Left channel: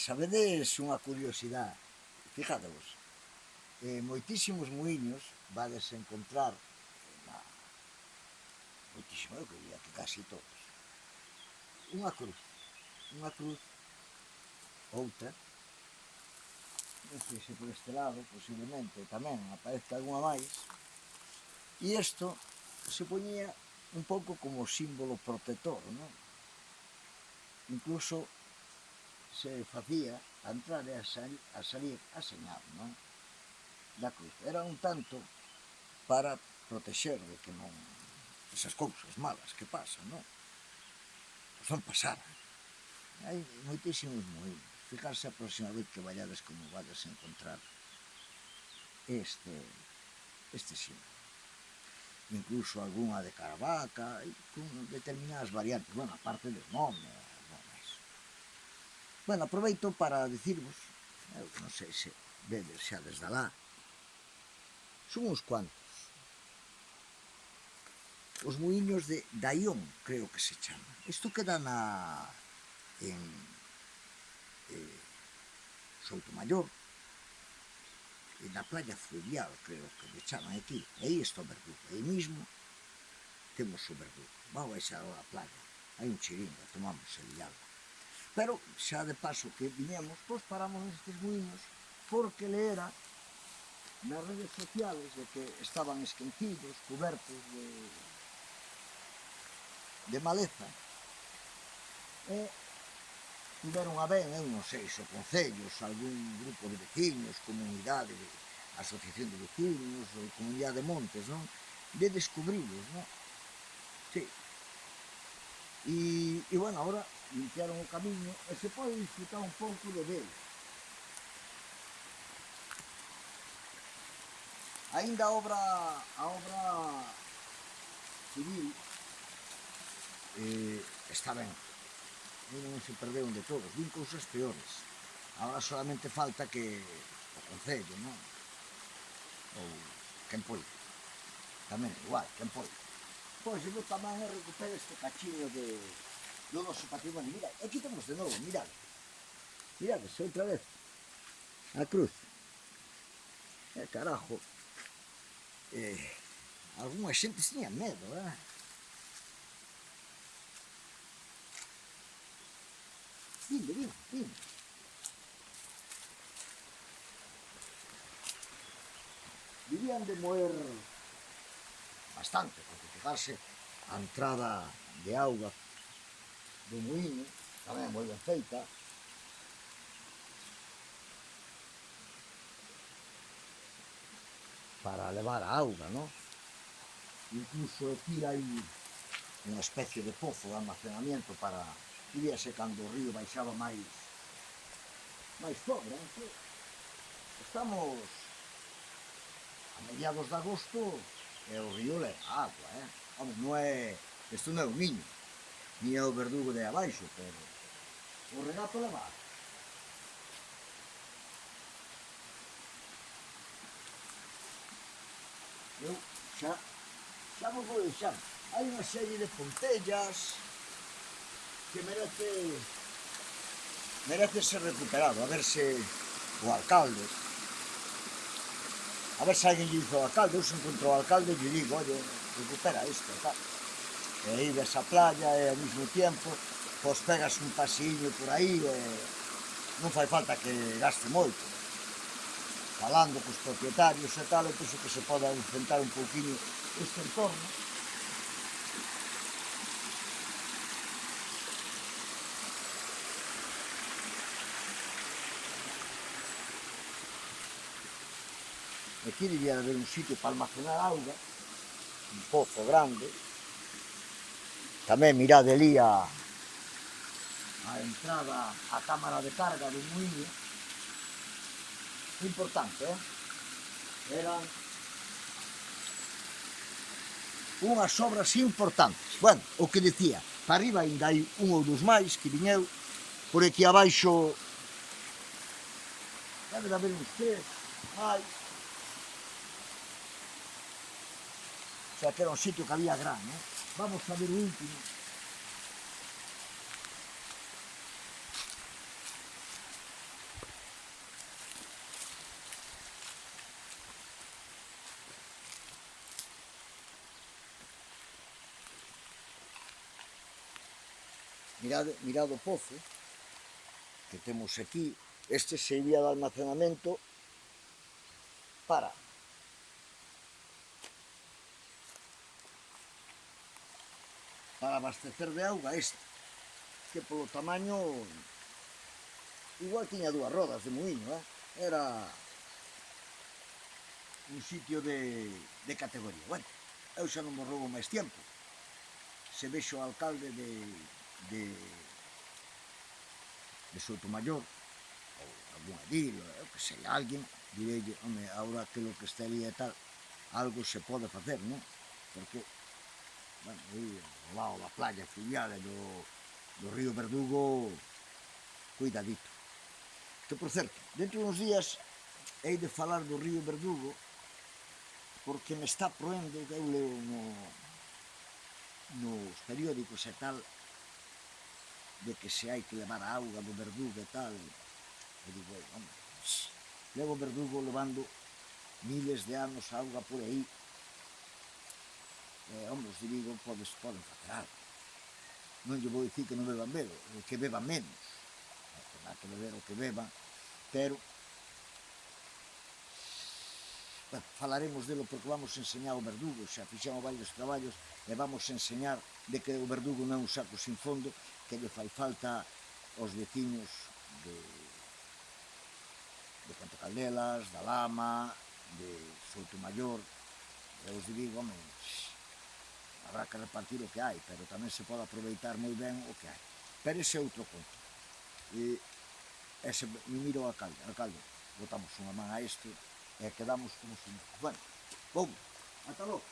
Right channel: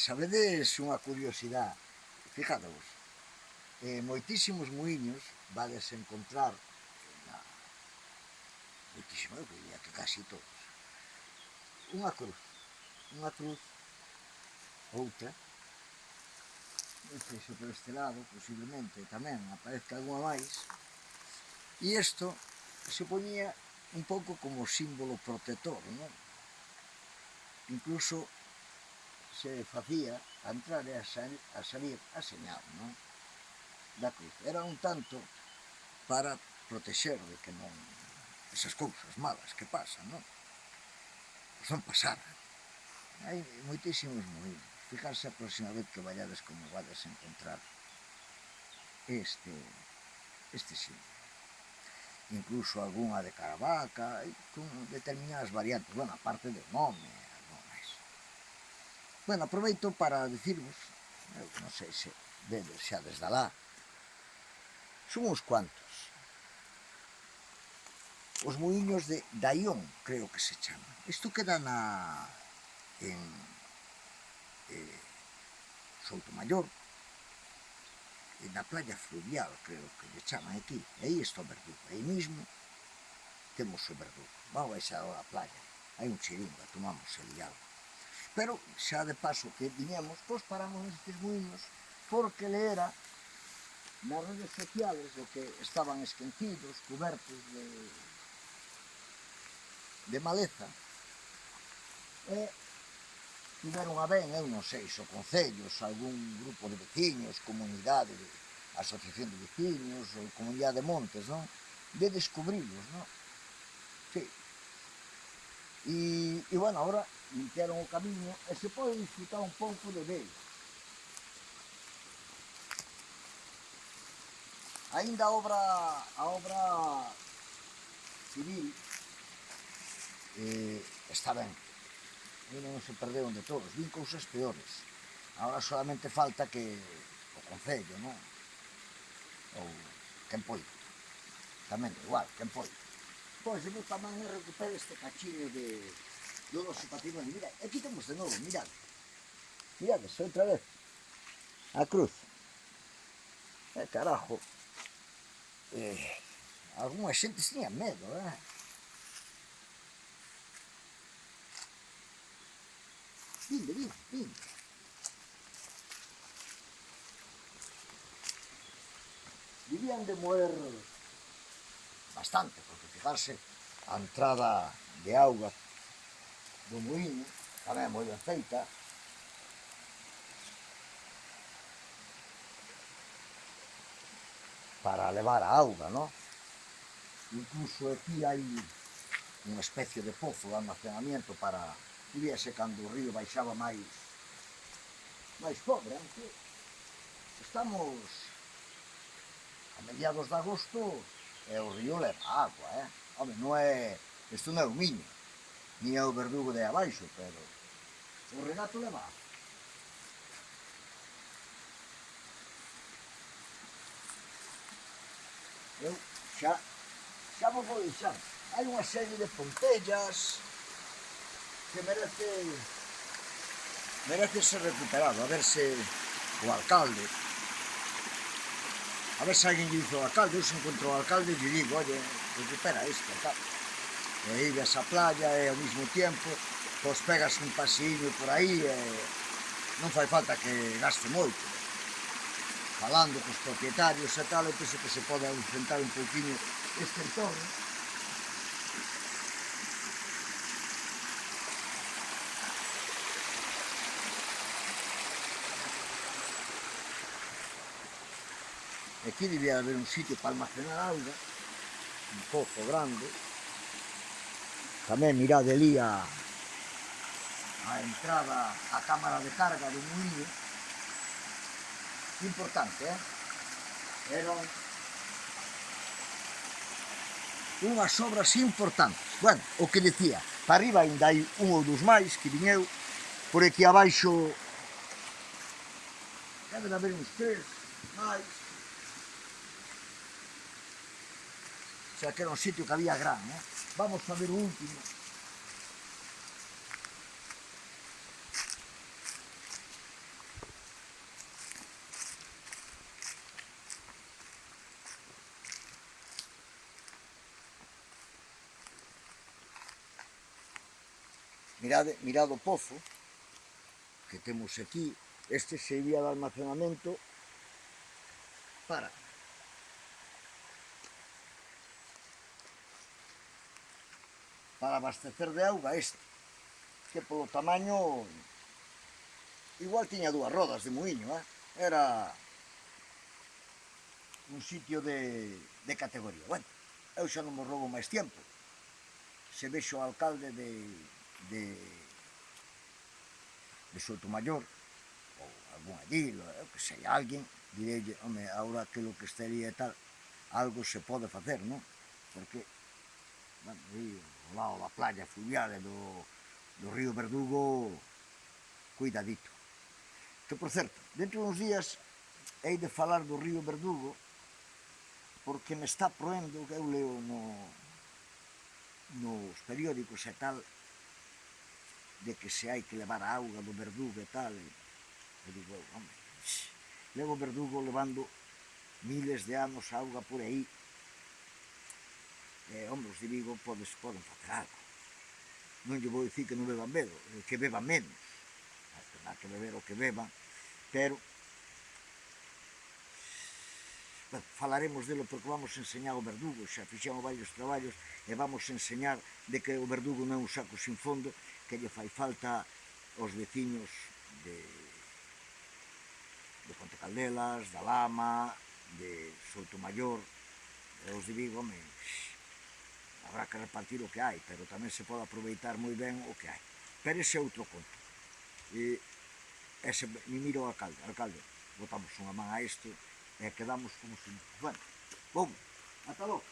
sabedes unha curiosidade, fijadevos, moitísimos muiños vades encontrar, moitísimo, eu diría que casi todos, unha cruz, outra, non sei se por este lado, posiblemente tamén aparezca alguna máis, e isto se poñía un pouco como símbolo protector, non? Incluso se facía a entrar e a salir a señal, non? Da cruz. Era un tanto para protexer de que non esas cousas malas que pasan, non? Pois non pasaran. Hai moitísimos muiños. Fijarse a próxima vez que vayades como vades a encontrar este símbolo. Incluso algunha de Caravaca, con determinadas variantes, bueno, aparte do nome, algo máis. Bueno, aproveito para dicirvos, eu non sei se vedes xa desde alá, son uns cuantos. Os muiños de Daión, creo que se chama. Isto queda en Soutomaior, na playa fluvial, creo que lle chaman aquí. E aí está o Verdugo. Aí mismo temos o Verdugo. Vamos baixar a playa. Hai un chiringo, tomamos ali algo. Pero xa de paso que viñemos, pois paramos nestes muiños, porque leera nas redes sociales de que estaban esquecidos, cobertos de maleza, e tiveron a ben, eu non sei, se o concellos, algún grupo de veciños, comunidade, asociación de veciños, ou comunidade de montes, non? De descubrilos, non? Sí. E, bueno, agora limpiaron o camiño e se pode disfrutar un pouco de ver. Ainda a obra civil está ben. Ainda non se perderon de todos, vin cousas peores. Agora solamente falta que o Concello, non? Ou quen poida. Tamén da igual, quen poida. Pois eu tamén recupero este cachiño do noso patrimonio. Mirad, aquí temos de novo, mirad. Mirades, outra vez. A cruz. Carajo. Alguna xente tiña medo, Vinde. Debían de moer bastante, porque fijarse a entrada de auga do muíño tamén é moi ben feita. Para levar a auga, non? Incluso aquí hai unha especie de pozo de almacenamiento para... Vivíase cando o río baixaba máis pobre, que estamos a mediados de agosto e o río leva agua, Home, non é... Isto non é o Miño, ni é o Verdugo de abaixo, pero o regato leva agua. Eu xa vos vou deixar. Hai unha serie de pontellas que merece ser recuperado, a ver se o alcalde, a ver se alguén lle dice ao alcalde, eu se encontro o alcalde lle digo, oye, recupera isto, tal. E aí ves a playa e ao mesmo tempo, pois pegas un pasiño por aí e non fai falta que gaste moito. Falando cos propietarios e tal, eu penso que se pode ausentar un pouquinho este entorno. Aquí debía haber un sitio para almacenar auga, un pozo grande. Tamén mirad ali a entrada á cámara de carga do muíño. Importante, Eran unhas obras importantes. Bueno, o que decía, para arriba ainda hai un ou dos máis que viñeu, por aquí abaixo debe de haber uns 3 máis. O sea que era un sitio que había gran, Vamos a ver o último. mirad o pozo que temos aquí. Este sería de almacenamento para abastecer de auga este, que polo tamaño igual tiña 2 rodas de muiño, era un sitio de categoría. Bueno, eu xa non vos roubo máis tempo. Se vexo o alcalde de Soutomaior, ou algún edil, eu que sei, alguén, direille, home, agora que lo que estaría e tal, algo se pode facer, non? Porque, bueno, aí, ao lado da playa fluvial e do río Verdugo, cuidadito. Que, por certo, dentro de uns días hei de falar do río Verdugo, porque me está proendo, que eu leo nos periódicos e tal, de que se hai que levar a auga do Verdugo e tal. Eu digo, home, levo Verdugo levando miles de anos a auga por aí. Home, os de Vigo poden facer algo. Non lle vou dicir que non beban medo, que beban menos. Tendrá que beber o que beban, pero bueno, falaremos delo porque vamos enseñar o Verdugo, xa fixemos varios traballos e vamos enseñar de que o Verdugo non é un saco sin fondo, que lle fai falta aos veciños de Ponte Caldelas, da Lama, de Soutomaior, e os de Vigo, home, habrá que repartir o que hai, pero tamén se pode aproveitar moi ben o que hai. Pero ese é outro conto. Ese, me miro ao alcalde, botamos unha man a isto e quedamos como se... Bueno, vamos, ata logo.